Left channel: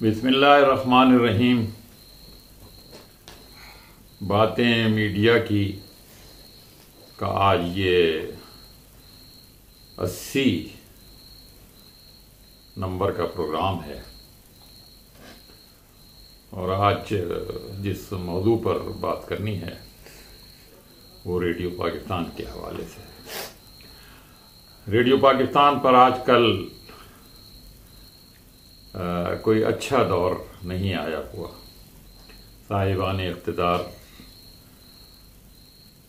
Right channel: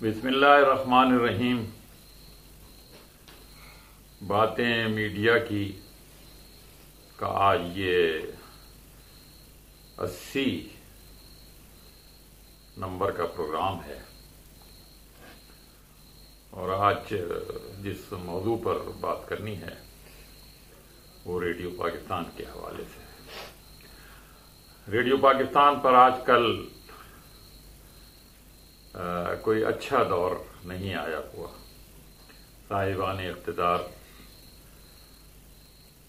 بسم اللہ الرحمن الرحیم۔ باتیں میڈیا کی کا آج یہ 80 نمبر کا پروگرام ہے، اور آج جس موضوع پر بات کرنی ہے وہ ریڈیو پاکستان کے حوالے سے۔ ریڈیو پاکستان پر آج کل کوئی اچھا دور نہیں آیا ہوا۔ صاحبان اقتدار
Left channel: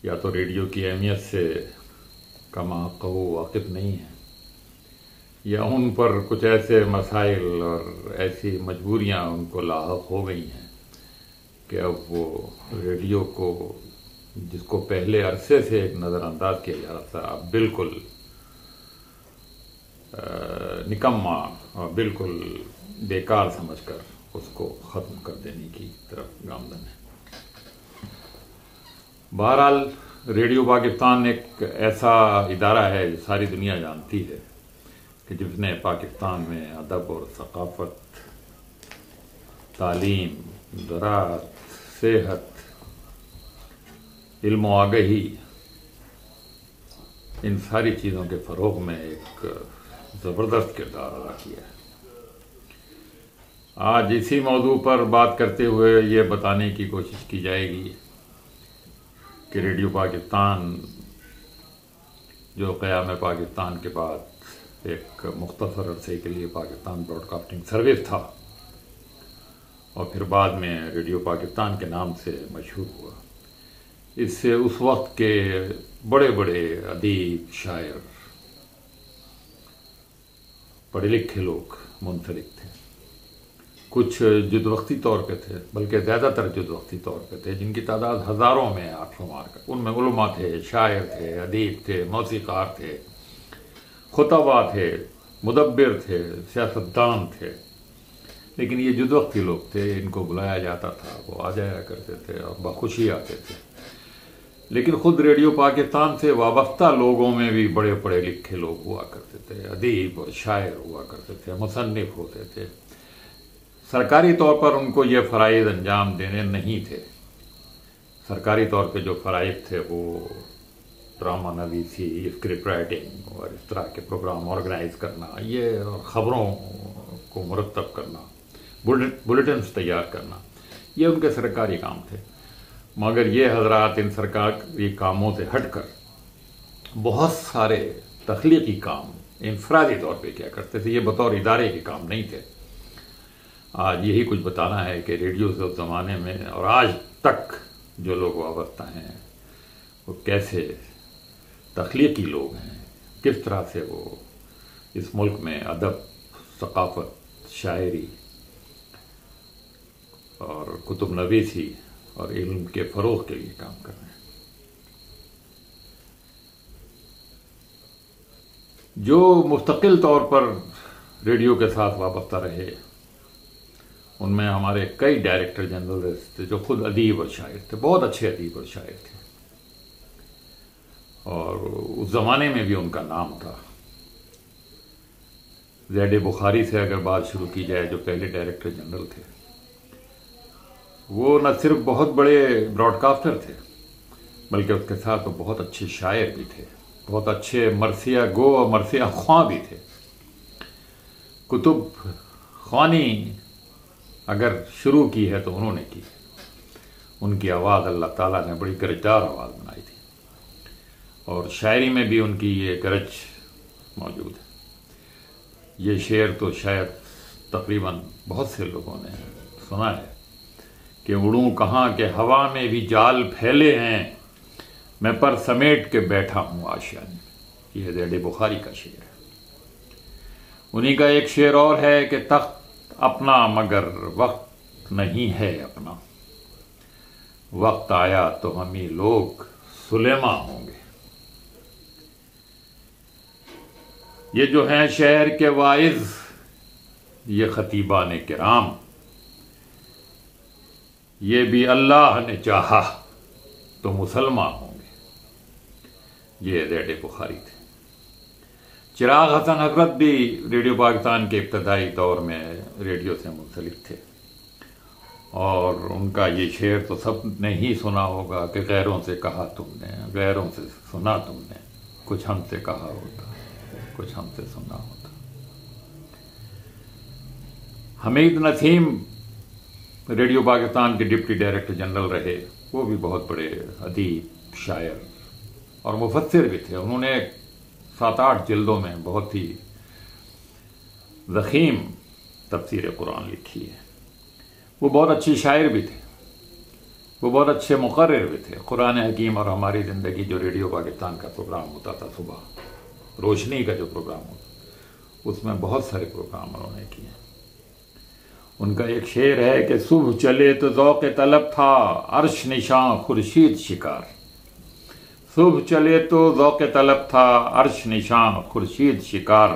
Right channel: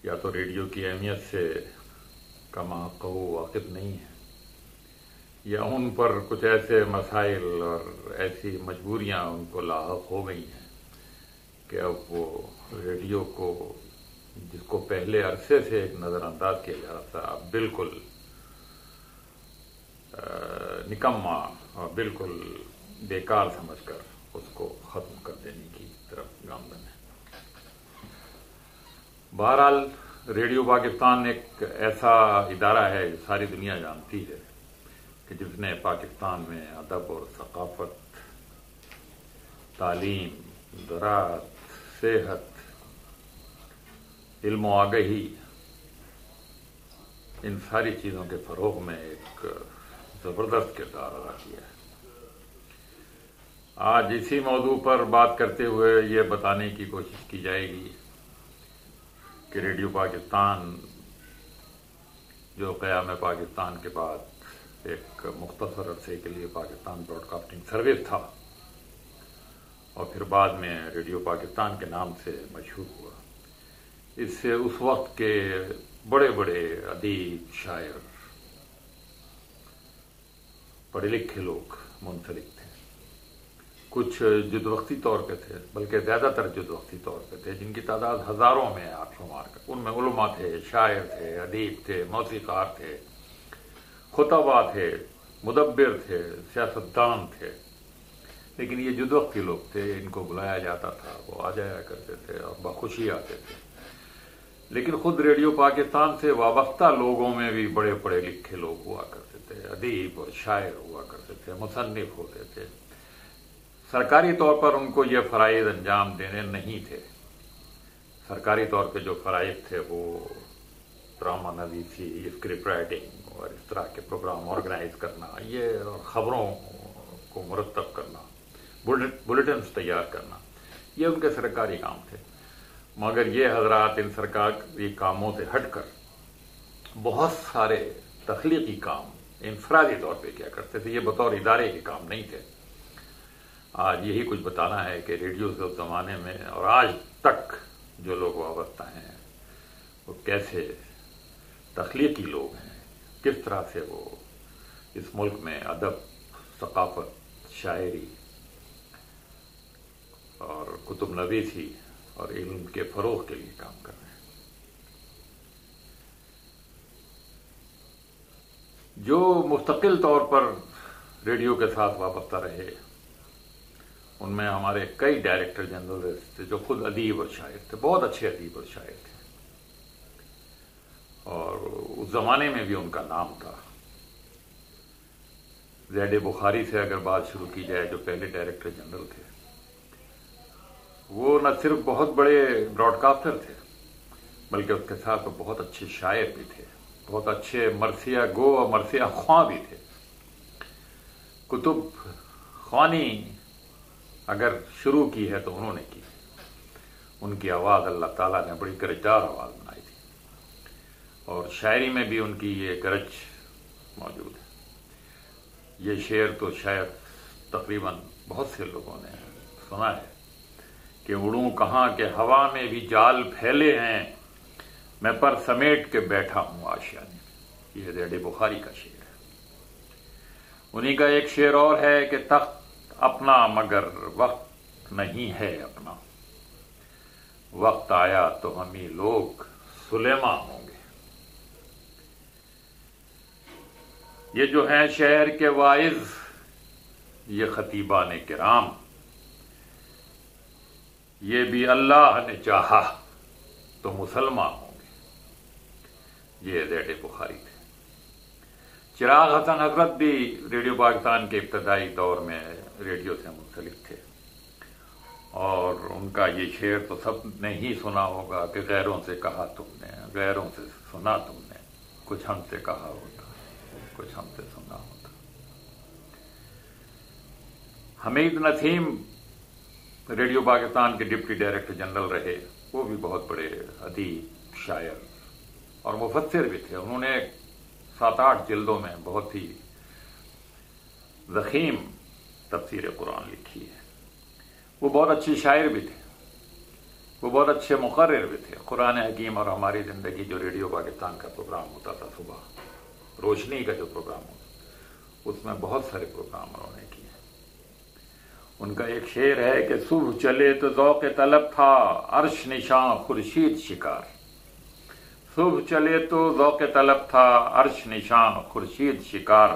یا تو ریڈیو کی اہمیت سے کما قہو واقف نہیں ہیں، یا ان پر کچھ ایسے مسائل اور ایسی مجبوریاں ان کو لاحق ہو گئی ہیں کہ اب وہ ریڈیو کو، جس کو پہلے عرصے سے ایک نظر انداز کیا جا رہا تھا، اب بالکل نکما اور بالکل بیکار سمجھ کر اس کو ختم کر دینے کی طرف گامزن ہے۔ بہرحال ریڈیو پاکستان ایک ایسا ادارہ ہے جو ساری دنیا جانتی ہے کہ جس نے پاکستان میں ادب اور ثقافت، تعلیم، زراعت، صحت، علم و آگہی، ان ساری چیزوں کے فروغ میں ایک زبردست کردار ادا کیا ہے۔ آج اسی موضوع پر بات کرتے ہوئے یہ بتانے کی کوشش کی جائے گی کہ ریڈیو پاکستان جو قیام پاکستان کے بعد ایک مختصر عرصے کے لیے پاکستان براڈ کاسٹنگ سروس تھا اور پھر بعد میں ریڈیو پاکستان کے نام سے مشہور ہوا، اس سے اس وقت کے بڑے بڑے ادیب، شاعر، پڑھے لکھے لوگ منسلک تھے۔ کچھ جد وقتی طور پہ تھے، بلکہ زیادہ تر جد وقتی طور پہ تھے، جن کی تعداد ہزاروں میں آپ شمار کر۔ ان میں علماء تھے، شاعر تھے، ادیب تھے، موسیقار تھے، خطبہ تھے، مدبر تھے، سیاستدان تھے، لیکن یہ جد وقتی لوگ تھے، ان کو بلایا جاتا تھا، وہ آ جایا کرتے تھے اور بخوشی آتے تھے۔ لیکن خود ریڈیو پاکستان سے وابستہ لوگوں میں بھی بڑے پڑھے لکھے لوگ ہوا کرتے تھے، ادیب اور شاعر ہوا کرتے تھے، مصنف ہوتے تھے۔ سرکاری طور پر ان کو یہ فرائض انجام دینے نہیں تھے۔ سرکاری طور پہ جو فرائض تھے وہ ڈرامہ نویسی، اسکرپٹ رائٹنگ اور اس طرح کے پروگرام آرگنائز کرنا، یہ اور خبروں کو مرتب کرنا، بلیٹنز تیار کرنا، یہ ان کے سرکاری کام تھے۔ مگر یہ حضرات ان سرکاری کاموں سے ہٹ کر بہت سارے تخلیقی کام انفرادی طور پہ کیا کرتے تھے، یہ بطور ادارے کے کام نہیں تھے۔ آج یہی کچھ بتانا ہے کہ ریڈیو سے اس زمانے میں اور آج تک جو لوگ وابستہ ہیں وہ کیسے تخلیقی لوگ ہیں، کس طرح سے وہ اس ملک میں ادب، ثقافت، شاعری اور کتب نویسی اور علم کے فروغ کے لیے کام کر رہے ہیں۔ جو مستقل طور پر ریڈیو کے ساتھ وابستہ رہے، ان میں ہمارے کئی ڈائریکٹر جنرل تھے جو خود ادیب اور شاعر تھے، بہت اچھے ادیب اور شاعر تھے، اور اس زمانے میں بھی ان کا نام تھا۔ زید بخاری سے اگر بات شروع کی جائے، جو پہلے ڈائریکٹر جنرل تھے، وہ نہ صرف بہت بڑے براڈ کاسٹر تھے بلکہ اس کے ساتھ وہ بہت اچھے شاعر بھی تھے، بہت اچھے مرثیہ گو اور مرثیہ خواں بھی تھے۔ کتب خوانی اگر شروع کی ہے تو انہوں نے کی۔ ان کی آواز اللہ تعالیٰ نے بڑی گرجدار آواز بنائی تھی، اور شاعری میں بھی ان کی یہ گرج موجود ہے۔ یہ شعر تو شاید تقریباً بہت سے لوگوں نے سنا ہے کہ اڑوں کہاں کہ ہوا میں بھی جال پھیلے ہیں، میں پر سمیٹ کے بیٹھا ہوں آشیانے میں۔ یہ زید بخاری کا شعر ہے۔ انہی کا ایک شعر اور ہے کہ تخت اپنا مگر وقت نہیں ہے اپنا، وقت آیا تو ہم ہی لوگ سلیماں ہوں گے۔ یہ جو ہیں شہر کے واعظ، یہ خطیبان کرام، یہ بھی اللہ نے چاہا تو مسلمان ہوں گے۔ یہ زید بخاری تھے۔ چراغ حسن حضرت بھی ریڈیو پاکستان کے ابتدائی دور میں ریڈیو سے منسلک تھے، اور ان کا یہ شعر تو سب نے ہی سنا ہوگا کہ غیروں سے کہا تم نے، غیروں سے سنا تم نے، کچھ ہم سے کہا ہوتا، کچھ ہم سے سنا ہوتا۔ حمید نسیم ریڈیو پاکستان کے ڈپٹی ڈائریکٹر جنرل رہے، وہ بھی بہت بڑے ادیب، شاعر اور مفسر بھی تھے۔ انہوں نے 7-8 جلدوں میں بہت ہی ضخیم تفسیر قرآن لکھی ہے۔ وہ بہت اچھی شاعر بھی تھے، وہ بہت اچھے مقرر بھی تھے۔ قرآن حکیم اور ہماری زندگی جو ریڈیو پاکستان کا پروگرام ہوتا تھا صبح، روشنی کا جو پروگرام ہوتا، اس میں بہت سارے پروگرام انہوں نے کیے۔ ان کا ایک شعر ہے کہ صبح چلے تو ذوق طلب تھا، عرش نشاں خورشید شکار۔ صبح چلے تو ذوق طلب تھا، عرش نشاں خورشید شکار۔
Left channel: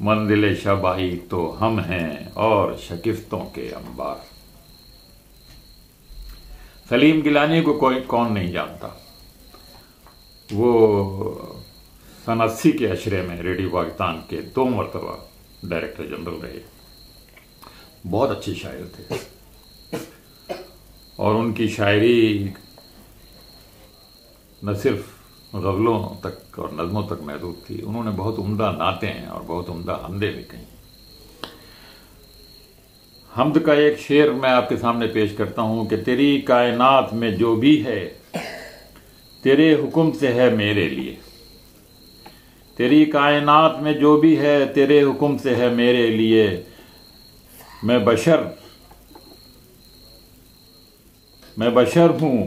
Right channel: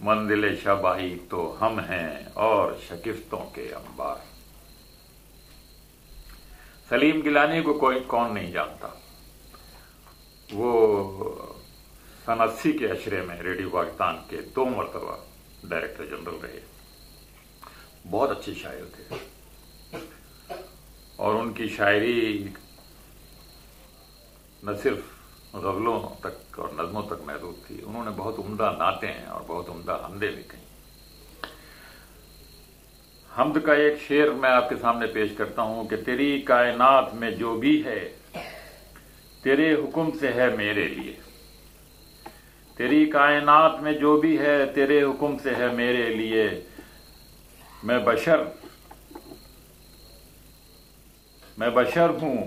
منزل شبائی تو ہم ہیں اور شکستوں کے انبار۔ سلیم گیلانی کو کون نہیں جانتا، وہ سن 80 کے عشرے میں ریڈیو پاکستان کے 2 مرتبہ ڈائریکٹر جنرل رہے، بہت اچھے شاعر تھے، اور ان کی شاعری نہ صرف غزلوں تک اور نظموں تک محدود تھی، انہوں نے بہت عمدہ نعتیں اور بہت عمدہ حمدیں بھی کہیں۔ حمد کا ایک شعر میں آپ کے سامنے پیش کرتا ہوں کہ تیری کائنات میں جو بھی ہے تیرے حکم سے ہے میرے لیے، تیری کائنات میں جو بھی ہے تیرے حکم سے ہے میرے لیے۔ میں بشر ہوں،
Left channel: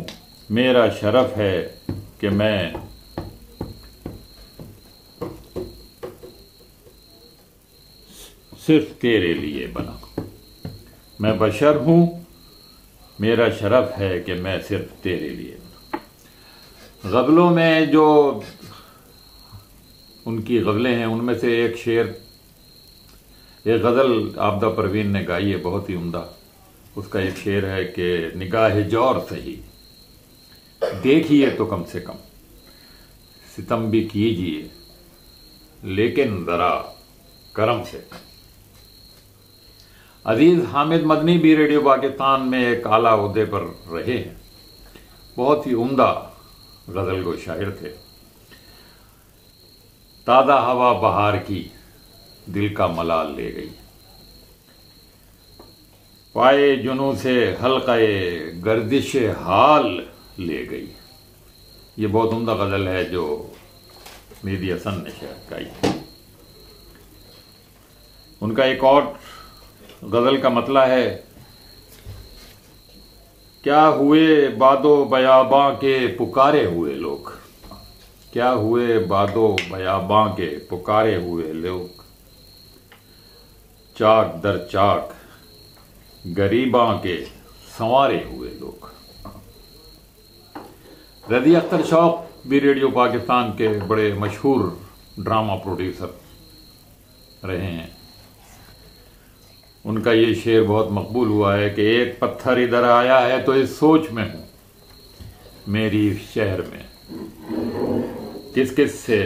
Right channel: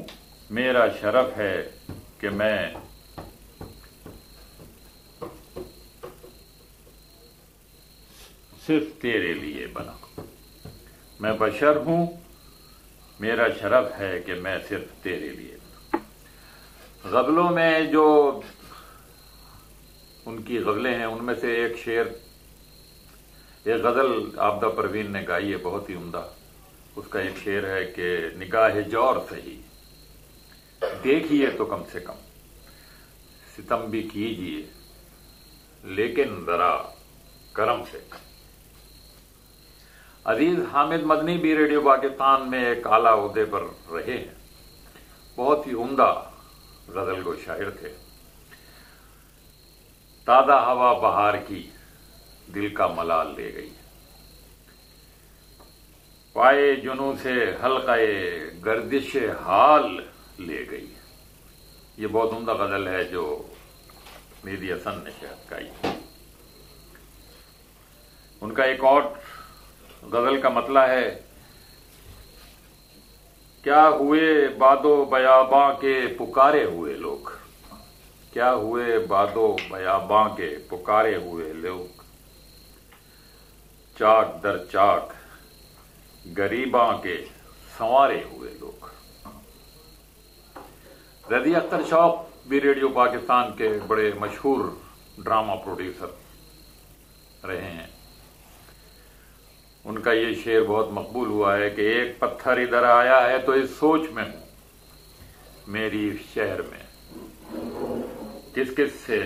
میرا شرف ہے کہ میں صرف تیرے لیے بنا۔ میں بشر ہوں، میرا شرف ہے کہ میں صرف تیرے لیے بنا۔ غزلوں میں جو ان کی غزلیں ہیں، ان میں سے ایک شعر، ایک غزل عابدہ پروین نے گائی ہے بہت ہی عمدہ۔ اس کا ایک شعر ہے کہ نگاہ جور سہی دیکھیے تو کم سے کم، ستم بھی کیجیے لیکن ذرا کرم سے کم۔ عزیز حامد مدنی بھی ریڈیو پاکستان میں ایک اعلیٰ عہدے پر رہے ہیں، بہت ہی عمدہ غزل گو شاعر تھے۔ تازہ ہوا بہار کی دل کا ملال لے گئی، پائے جنوں سے حلقہ گردش حال لے گئی۔ یہ بہت عمدہ غزل ہے جو مہدی حسن نے شاید گائی۔ ان کا ایک اور غزل کا مطلع ہے، کیا ہوئے بادو بیاباں کے پکارے ہوئے لوگ، کیا ہوئے بادو بیاباں کے پکارے ہوئے لوگ، چاک در چاک غریباں کے سنوارے ہوئے لوگ۔ رضی اختر شوق بھی ریڈیو پاکستان کے بڑے مشہور ڈرامہ پروڈیوسر رہے ہیں۔ ان کا یہ شعر بہت مقبول ہوا ہے کہ ایک پتھر ادھر آیا ہے تو اس سوچ میں ہوں، میری شہر میں کس کس سے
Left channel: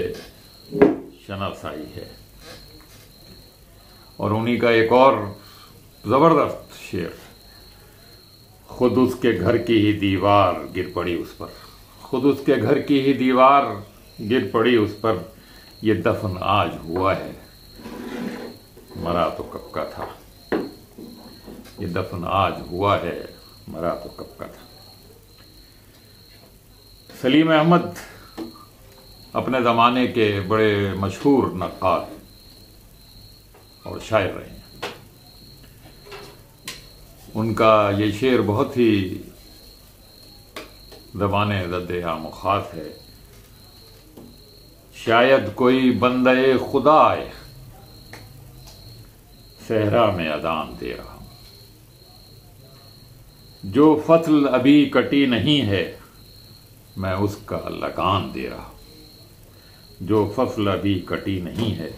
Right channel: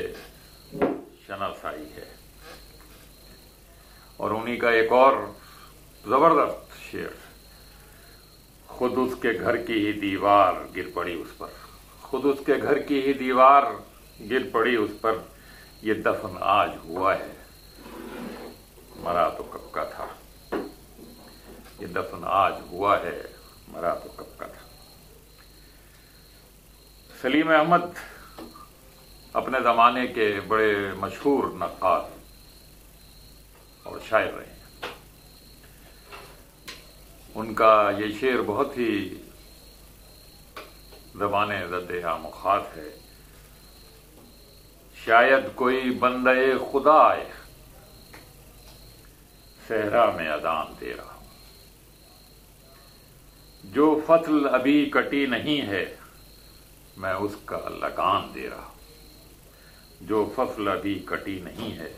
شناسائی ہے۔ اور انہی کا ایک اور زبردست شعر، خود اس کے گھر کی ہی دیوار گر پڑی اس پر، خود اس کے گھر کی ہی دیوار گر پڑی اس پر، یہ دفن آج ہوا ہے مرا تو کب کا تھا، یہ دفن آج ہوا ہے مرا تو کب کا تھا۔ سلیم احمد اپنے زمانے کے بڑے مشہور نقاد اور شاعر رہے ہیں۔ ان کا یہ شعر بہت ہی زبان زد عام و خاص ہے، شاید کوئی بندہ خدا آئے صحرا میں اذان دے رہا ہوں، جو فصل ابھی کٹی نہیں ہے میں اس کا لگان دے رہا ہوں، جو فصل ابھی کٹی نہیں ہے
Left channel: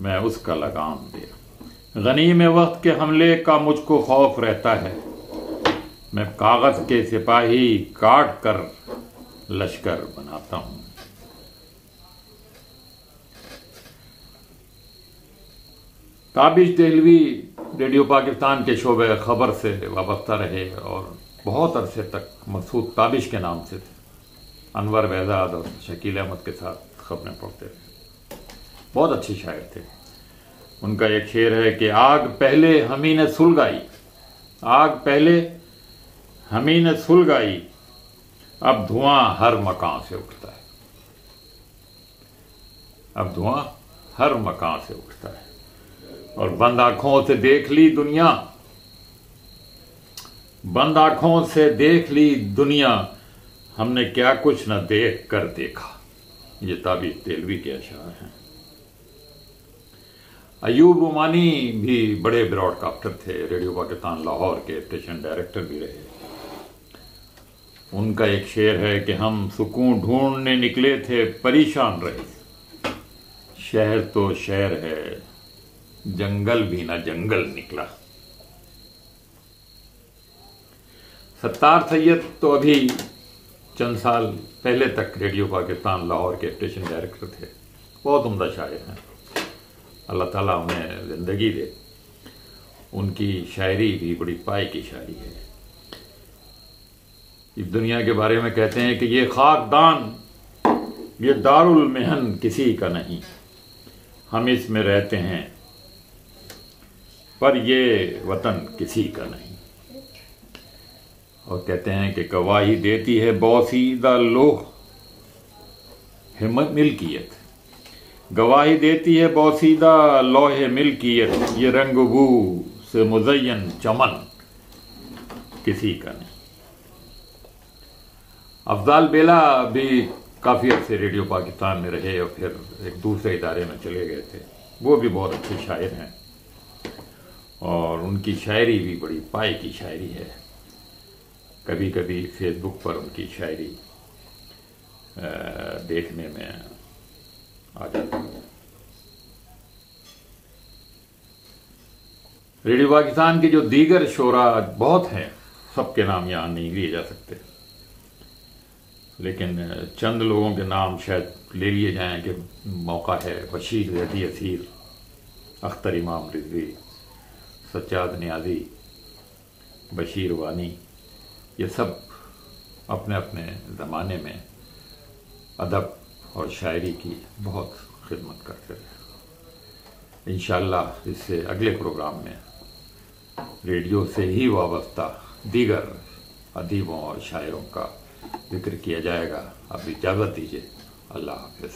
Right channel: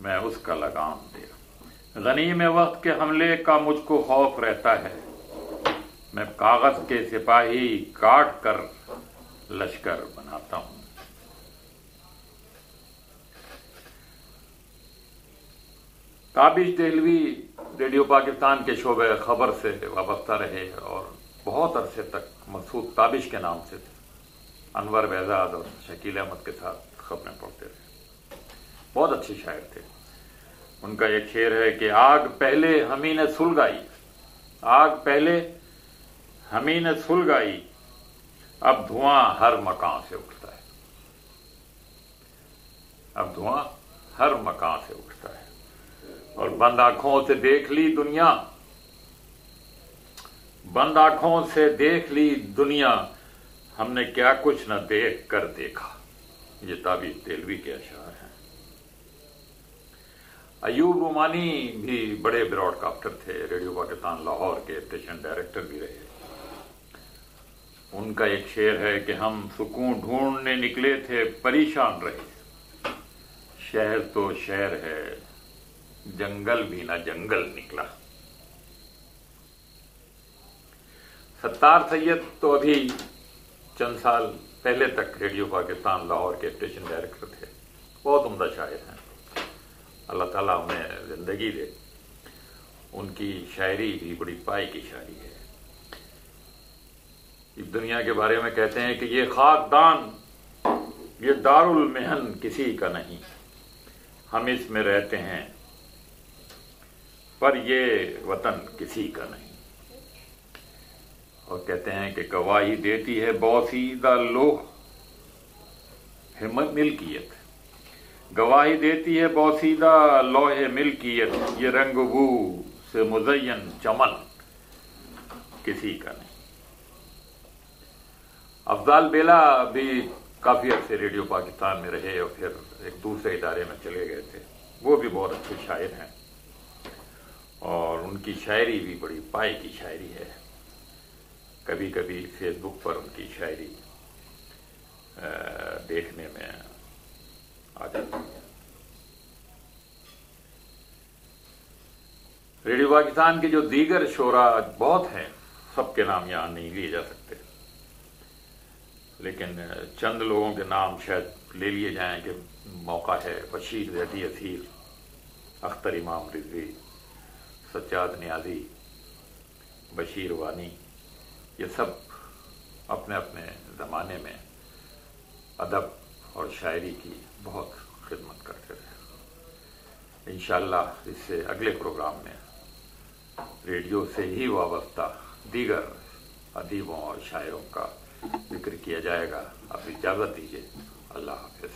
میں اس کا لگان دے رہا ہوں۔ غنیم وقت کے حملے کا مجھ کو خوف رہتا ہے، میں کاغذ کے سپاہی کاٹ کر لشکر بناتا ہوں، تابش دہلوی ریڈیو پاکستان کے شعبہ خبر سے وابستہ رہے اور بہت عرصے تک مسعود تابش کے نام سے انور بہزاد اور شکیل احمد کے ساتھ خبریں پڑھتے رہے. بہت اچھے شاعر تھے. ان کا ایک شعر ہے کہ آگ پہلے ہمیں نے سلگائی، آگ پہلے ہمیں نے سلگائی، اب دھواں ہر مکان سے اٹھتا ہے. اب دھواں ہر مکان سے اٹھتا ہے. اور بند آنکھوں سے دیکھ لی دنیا، بند آنکھوں سے دیکھ لی دنیا، ہم نے کیا کچھ نہ دیکھ کر دیکھا. یہ تابش دہلوی کے اشعار ہیں. ایوب عمانی بھی بڑے براڈ کاسٹر تھے. ریڈیو پاکستان لاہور کے اسٹیشن ڈائریکٹر بھی رہے. ان کا ایک شعر ہے کہ ہم سکون ڈھونڈنے نکلے تھے پریشان رہے، شہر تو شہر ہے جنگل بھی نہ جنگل نکلا. ستار سید تو ابھی چند سال پہلے تک ریڈیو پاکستان لاہور کے اسٹیشن ڈائریکٹر تھے. بہت عمدہ شاعر ہیں. اللہ تعالیٰ انہیں زندگی دے. ان کی شاعری بھی بڑی پائے کی شاعری ہے. اس دنیا کے بارے میں کہتے ہیں کہ یہ خاکدان، یہ دار المحن کسی کا نہیں، ہم اس میں رہتے ہیں پر یہ وطن کسی کا نہیں. اور کہتے ہیں کہ گواہی دیتی ہے بوسیدہ لوح ملکیت، گواہی دیتی ہے بوسیدہ لوح ملکیت، یہ رنگ بو سے مزین چمن کسی کا نہیں. افضال بیلا بھی کافی عرصے ریڈیو پاکستان میں رہے اور پھر ایک دوسرے ادارے میں چلے گئے تھے. وہ بھی بہت اچھے شاعر ہیں اور ان کی شاعری بھی بڑی پائے کی شاعری ہے. کبھی کبھی فیس بک پر ان کی شاعری دیکھنے میں آ جاتی ہے. ریڈیو پاکستان کے جو دیگر شعراء بہت ہیں، سب کے نام یہاں نہیں لیے جا سکتے، لیکن چند لوگوں کے نام شاید لے لیے جائیں کہ موقع ہے. بشیر رضی اسیر، اختر امام رضوی، سجاد نیازی، بشیر وانی، یہ سب اپنے اپنے زمانے میں ادب اور شاعری کی بہت خدمت کرتے رہے. انشاءاللہ اس سے اگلے پروگرام میں ریڈیو سے ہی وابستہ دیگر ادیبوں اور شاعروں کا ذکر کیا جائے گا. اب اجازت دیجیے. اللہ حافظ.